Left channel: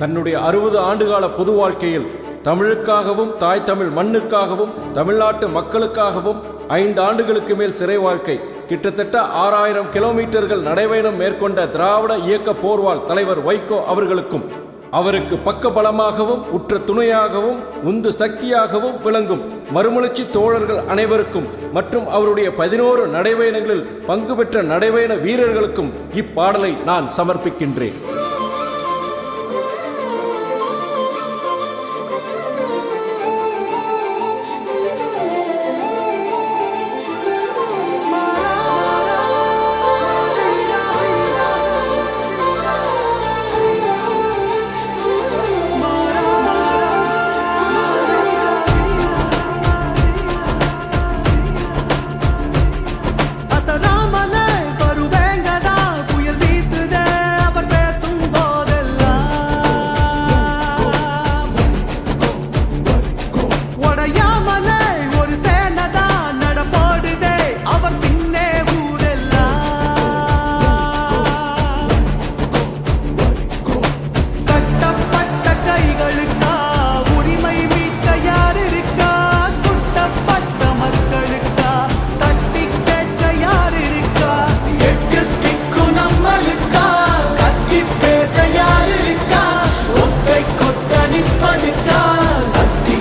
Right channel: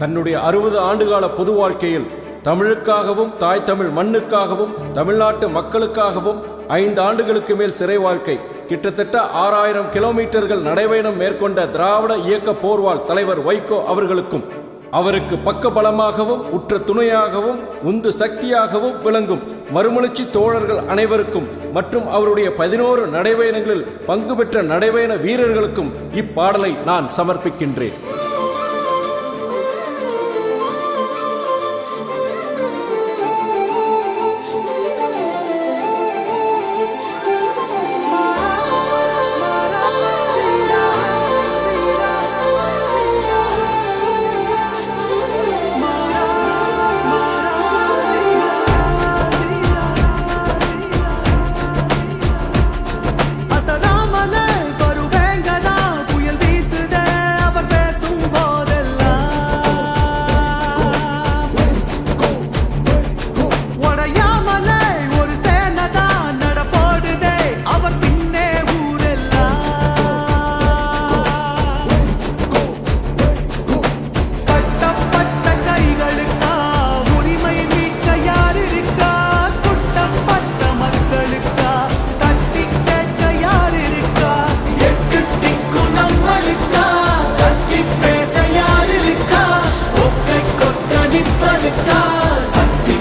தன்னுடைய அறுபது ஆண்டுகால பொது வாழ்க்கையில் தமிழுக்காகவும் தாய் தமிழ் மண்ணுக்காகவும் தமிழ்நாட்டு மக்களுக்காகவும் ஐந்து ஆண்டுகளுக்கு மேல் சிறை வாழ்க்கை கிட்டத்தட்ட ஆறாயிரம் கிலோமீட்டர்கள் நடைபயணம் மேற்கொண்ட திராவிட இயக்க போர்வால் தலைவர் வைகோ அவர்களுக்கும் அவருக்கு பக்க பலமாகவும் உற்ற துணையாகவும் உந்து சக்தியாகவும் விளங்கும் மறுமலர்ச்சி தோழர்கள் அனைவருக்கும் மற்றும் அவருடைய பதினோரு நடைபயணங்களில் பங்கு பெற்ற நடைபயண வீரர்களுக்கும் இப்பாடலை நான் சமர்ப்பிக்கின்றேன். உடையாமலே ஒரு சேனதா நடப்போடுதே. அவர் பின்னே ஊரெல்லாம். கட்டப்பட்ட கைகளுக்கா உரிமை மீட்க யார் இருக்கா குட்டப்பட்ட மக்களுக்கா தட்டி கேட்க யார் இருக்கா எட்டு திக்கும் நம்மளுக்கா கத்தி பேச யார் இருக்கா ஒற்றை கொத்த நிப்பலுக்கா சக்தி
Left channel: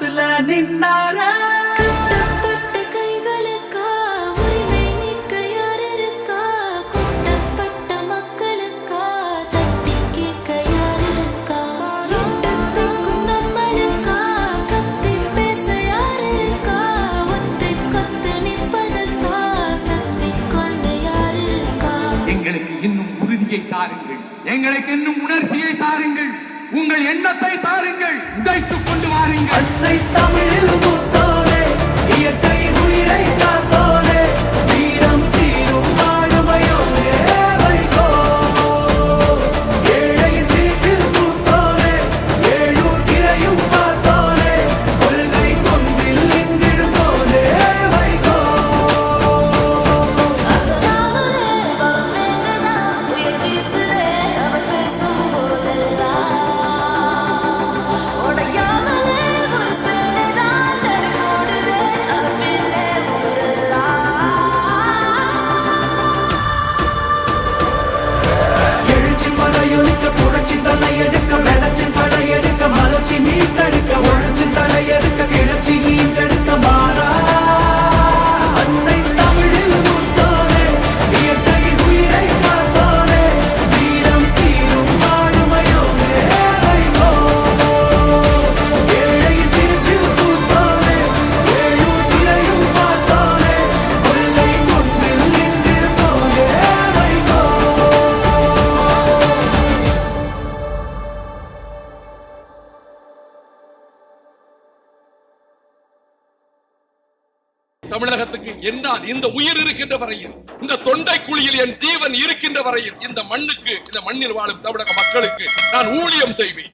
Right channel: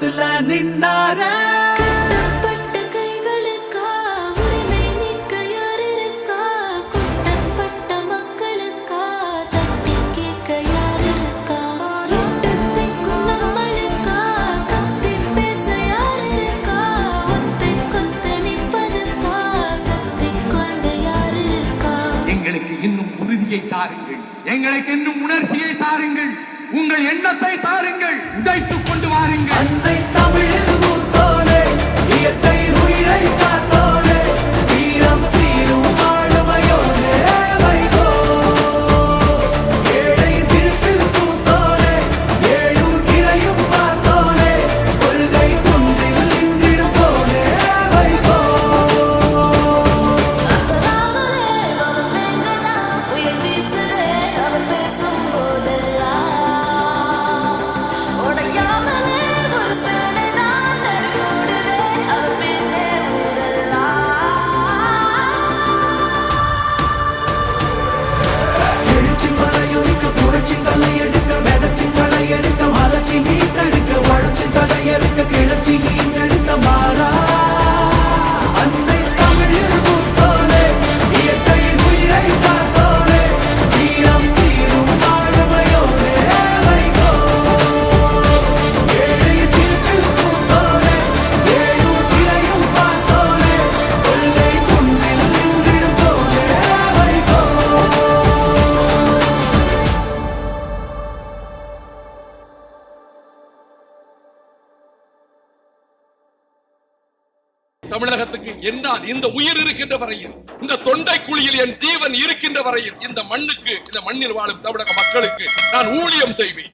மனசுல நின்றாரு? கட்டப்பட்ட கைகளுக்கா? உரிமை மீட்க யார் இருக்கா குட்டப்பட்ட மக்களுக்கா? தட்டி கேட்க யார் இருக்கா எட்டு திக்கும் நம்மளுக்கா? கத்தி பேச யார் இருக்கா ஒத்தை கொத்து நிப்பதுக்கா சக்தி கொண்டு யார் இருக்கா எங்களுக்கு இன்னும் உறுதியை தாருங்கள். எங்களுக்கு இன்னும் உணர்ச்சியை தாருங்கள். உங்கள் எண்ணத்தை தாருங்கள் உடைத்துக் கொண்டு வாருங்கள். அன்னை தமிழில் இயற்கை உயிரை தமிழகத்துக்கு என்னால் இந்த உயிர் இருக்கின்ற வரையில் இந்த தொண்டை குழியில் என் ஜீவன் இருக்கின்ற வரையில் இந்த மண்ணுக்கு இந்த மண்ணில் வாழும் தமிழக மக்களுக்கு நான் ஊழியம் செய்வேன்.